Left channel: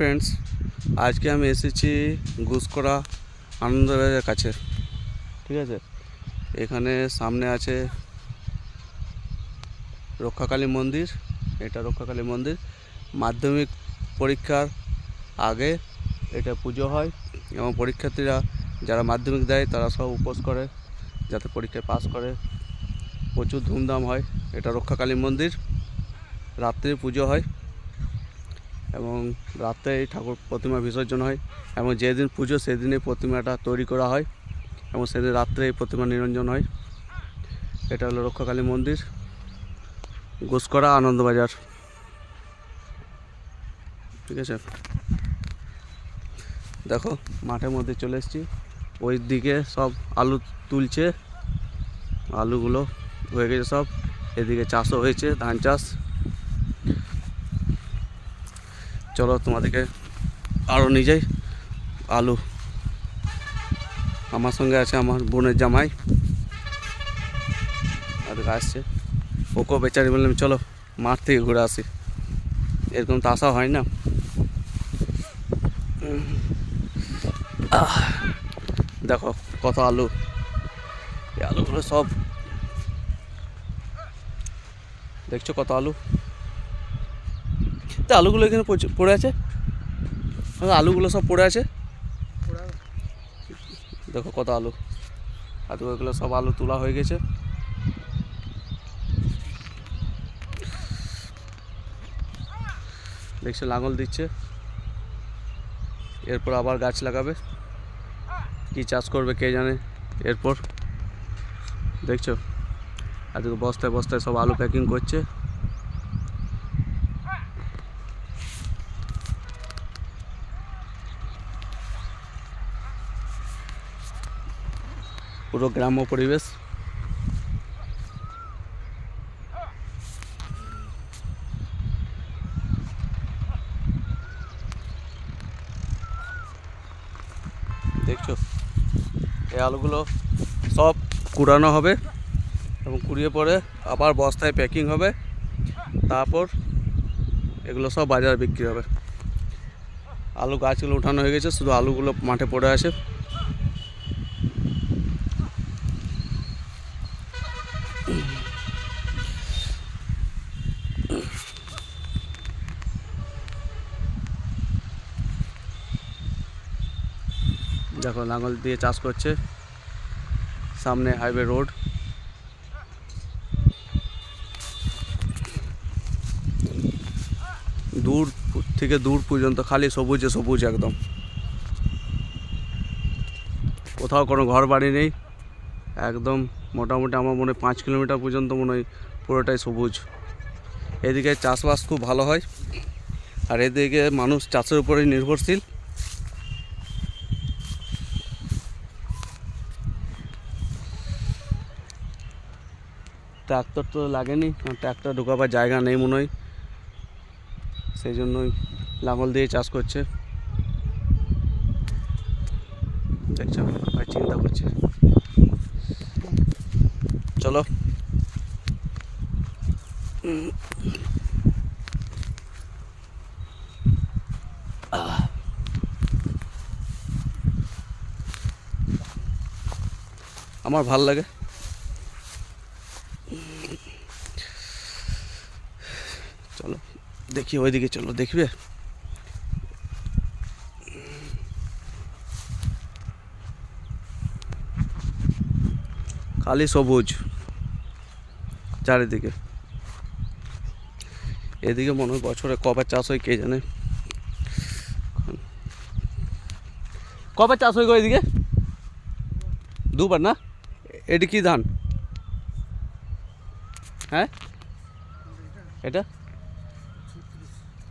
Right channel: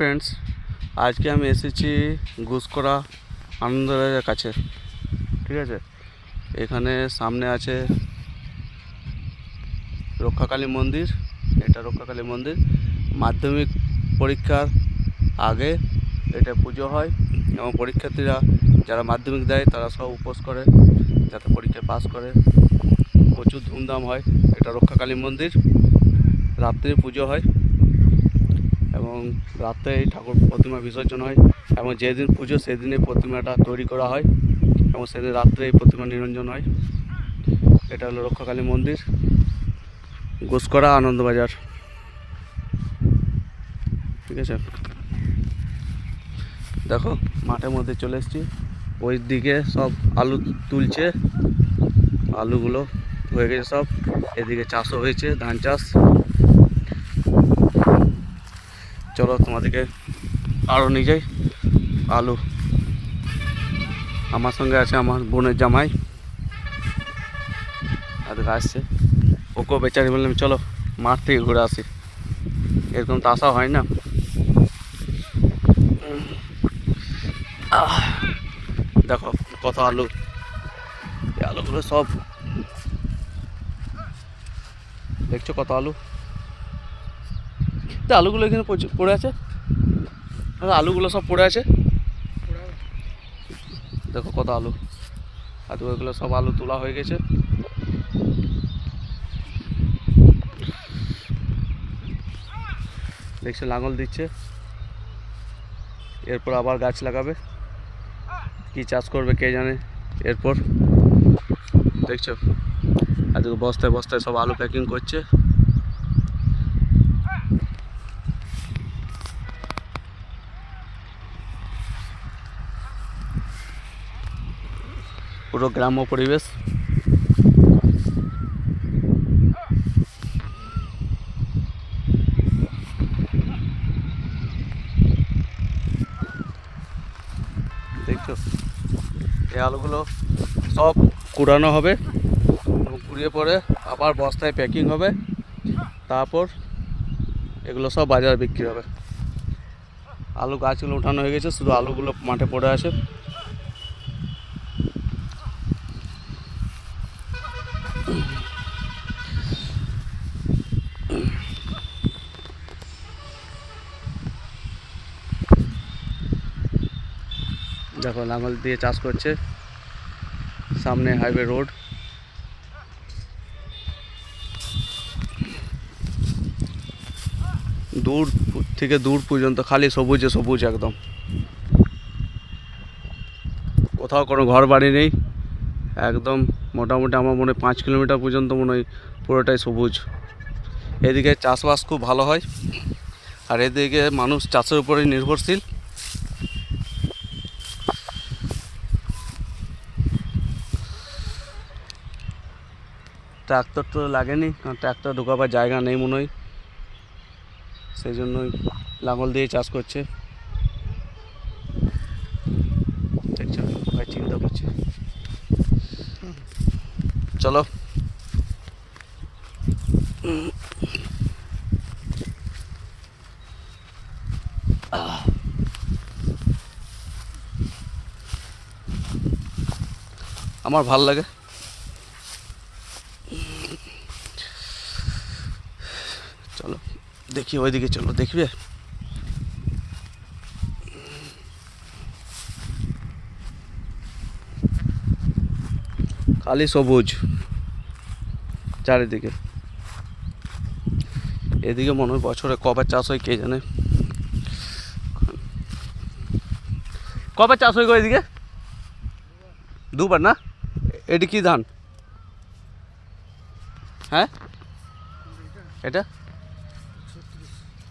Friends, আজকে আমি এসেছি গুসকরা আনন্দবাজারের কাছে। ঠিক আছে, এখানে সামনে আছে রক্ষাকালী মন্দির। এটা রক্ষাকালী মন্দির। মাধ্যমিক পরীক্ষার আগে এটা পুজো হয় এবং পরীক্ষার্থীরা যারা মাধ্যমিক দেয় তারা সব উপোস করে যাতে পরীক্ষায় পাস করে। প্রচুর ধুমধাম হয়। এটা রক্ষাকালী মন্দির। রাত্রে পুজো হয় এবং রাত্রে এই ঠাকুর প্রতিমা বিসর্জন হয় এবং যেদিন পুজো সেদিনে প্রতিমাটা তৈরি করা হয় এবং সেদিন রাত্রে এই প্রতিমা নিরঞ্জন হয়। এটা হলো রক্ষাকালী মন্দির, গুসকরা আনন্দবাজার। ঠিক আছে, দেখো মাঠের মধ্যে চলে এসেছি। ওই দিকে সব আলু তুলছে, আলুগুলো হয়ে গেছে সব। এদিকে চাষও হয়েছে, ধান চাষ। চলো তোমাদেরকে আরও নিয়ে যাই। আলু, আমার সঙ্গে আছে আমার বোনের জামাই, এদিকে আসছে। ওকেও বেচারি বললাম চলো মাঠ থেকে ঘুরে আসি, এরকম তো আসা হয় না। দেখো কত আলু, এই আলুগুলো সব দেখছো, কত আলু। তো আলুগুলো এখানে পড়ে আছে, আলুগুলো সব পড়ে আছে। দেখো কত আলু, আর ওইগুলো সব আলু তোলা হয়ে গেছে। দেখছো লাঙল দিচ্ছে, এরপর আবার গাছ লাগাবে। কি চাষ করবে কে জানে এরপর। দেখছো আজকে বস্তায় বস্তায় সব আলু প্যাকিং করছে। পুরো গ্রাম্য পরিবেশ। দেখছো এই আলুগুলো সব কুড়ানো হবে এবং কুড়িয়ে পরে আবার বস্তায় প্যাকিং হবে, তারপর এগুলো সব বাজারে বিক্রি হবে। আলু গাছগুলো উঠানো হয়ে গেছে, শুধু আলুগুলো মাঠে পড়ে আছে। দেখো লাঙল দিয়ে চাষ করছে, সামনে হাইওয়ে রোড। দূর থেকে দূর পর্যন্ত খালি সবুজে সবুজ একদম, কোথাও কোনো ঘর বাড়ি নেই। একদম মোটামুটি আমার মনে হয় 5 কিলোমিটার পর্যন্ত মনে হয় পুরোটাই সবুজ। এদিকে চাষবাস খুব ভালো হয়, আর এদিকে মানুষ চাষের উপরেই নির্ভরশীল। ট্র্যাক্টর তো লাগেনি, কারণ ট্র্যাক্টর ঢোকাবার জায়গা নেই মনে হয়, সেই জন্যই লাঙল দিয়ে চাষ করছে। দেখছো ভাই চিন্তা করছে। চলো আমার ভাল লাগে। চলো দেখি ওইদিকে, চলো দেখবে। খালি সবুজ চারিদিকে। এদিকে মনে হয় বছরে কবার চাষ হয় কে জানে। কবার চাষ হয় গো এদিকে? দুবার না? এটি কি ধান? হ্যাঁ এটা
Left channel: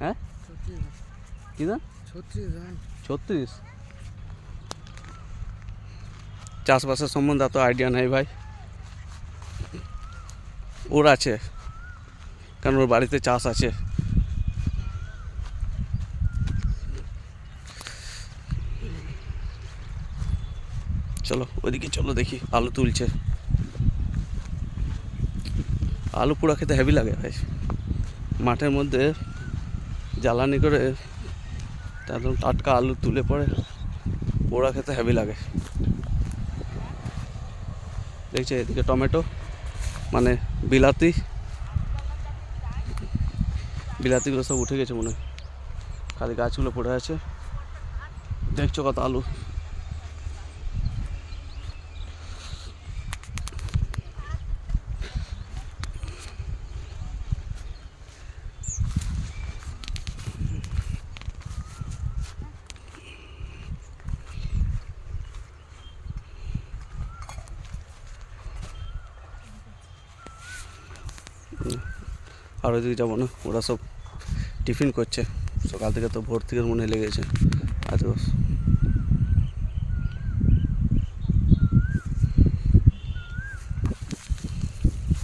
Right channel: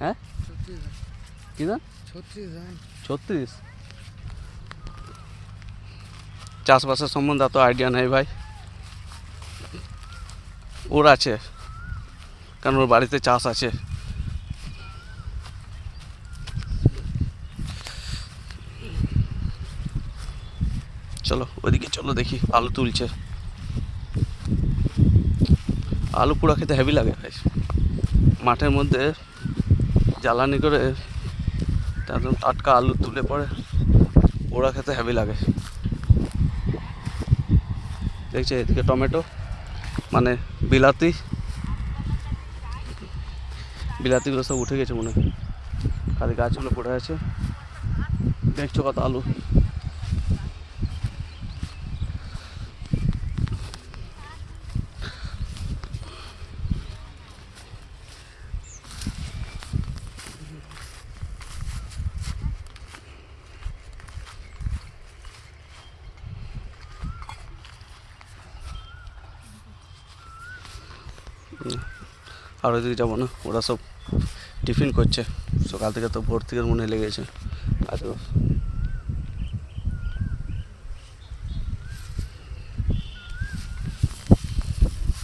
হ্যাঁ কি ধান? 36। চাষবাসের সম্বন্ধে এত আইডিয়া নেই ভাই, ওর আছে কারণ ওর বাড়িতে চাষ আছে। চলো ওইদিকে চলো দেখি, আলু তুলছে। আলু পোড়া খেতে হেভি লাগে ভাই। মাঠের মধ্যে জ্বালানি করে একদম টাটকা আলু তুলে পরে পোড়া খেতে হেভি লাগে। দেখছি এদিকে টমেটো মানে বিলাতিগুলো সব উঠে গেছে মনে হয়, খালি গাছগুলো পড়ে আছে। দেখছো কত আলু। আর ওইদিকে যাবো না, ওরা সব টিফিন করছে, সকাল থেকে তো ভোর থেকে মনে লেগেছে। আজ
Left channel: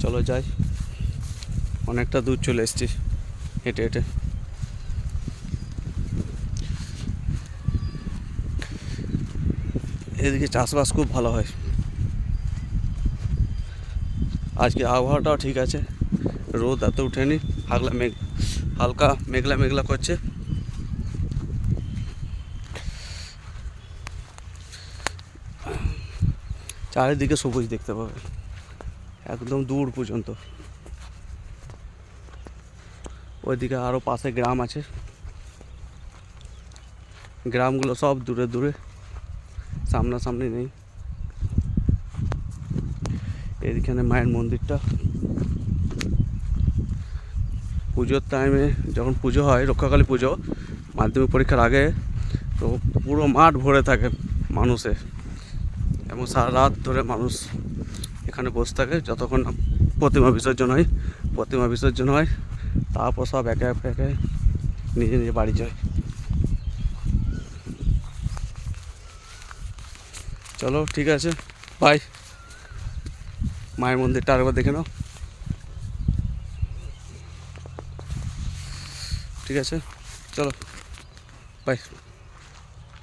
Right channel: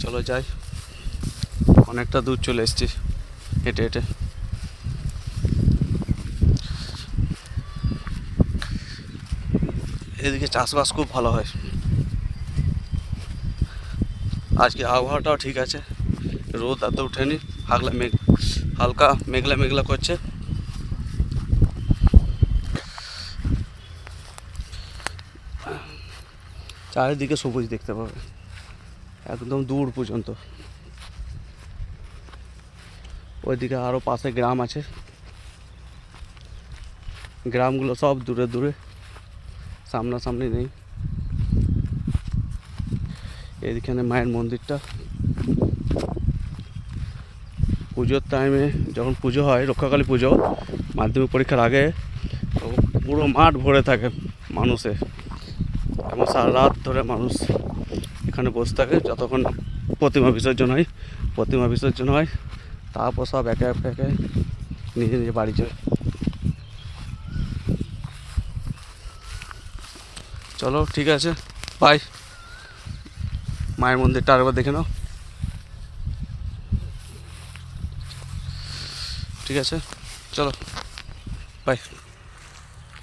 চলো যাই, অনেকটা দূর চলে এসেছি হেঁটে হেঁটে। এদিকে চাষবাস খুব ভালো হয়। আজকে আবহাওয়াটাও ঠিক আছে, রোদ এত উঠেনি, হালকা মেঘলা মেঘলা করছে। চারিদিকে সবুজ দেখতে পাবে একদম দূর পর্যন্ত। ওইদিকে আরও পাশে গ্রাম আছে, গ্রামগুলো সব দূরে দূরে, সামনাসামনি নেই। এইখানে মায়ের মন্দিরটা, পুজোর টাইমে যখন পুজো হয়, রক্ষাকালী পুজো, মাধ্যমিক পরীক্ষার আগে, তো পুরো মাঠ ভরে থাকে মানুষে, এবং সারা রাত ধরে মানুষ এখানে বসে থাকে যতক্ষণ প্রতিমা বিসর্জন হয়। তারপর সব একে একে নিজে নিজে বাড়ি যায়। চলো ঠিক আছে, বাই। মায়ের মন্দিরটা আরেকবার দেখে নাও। ঠিক আছে, চলো বাই।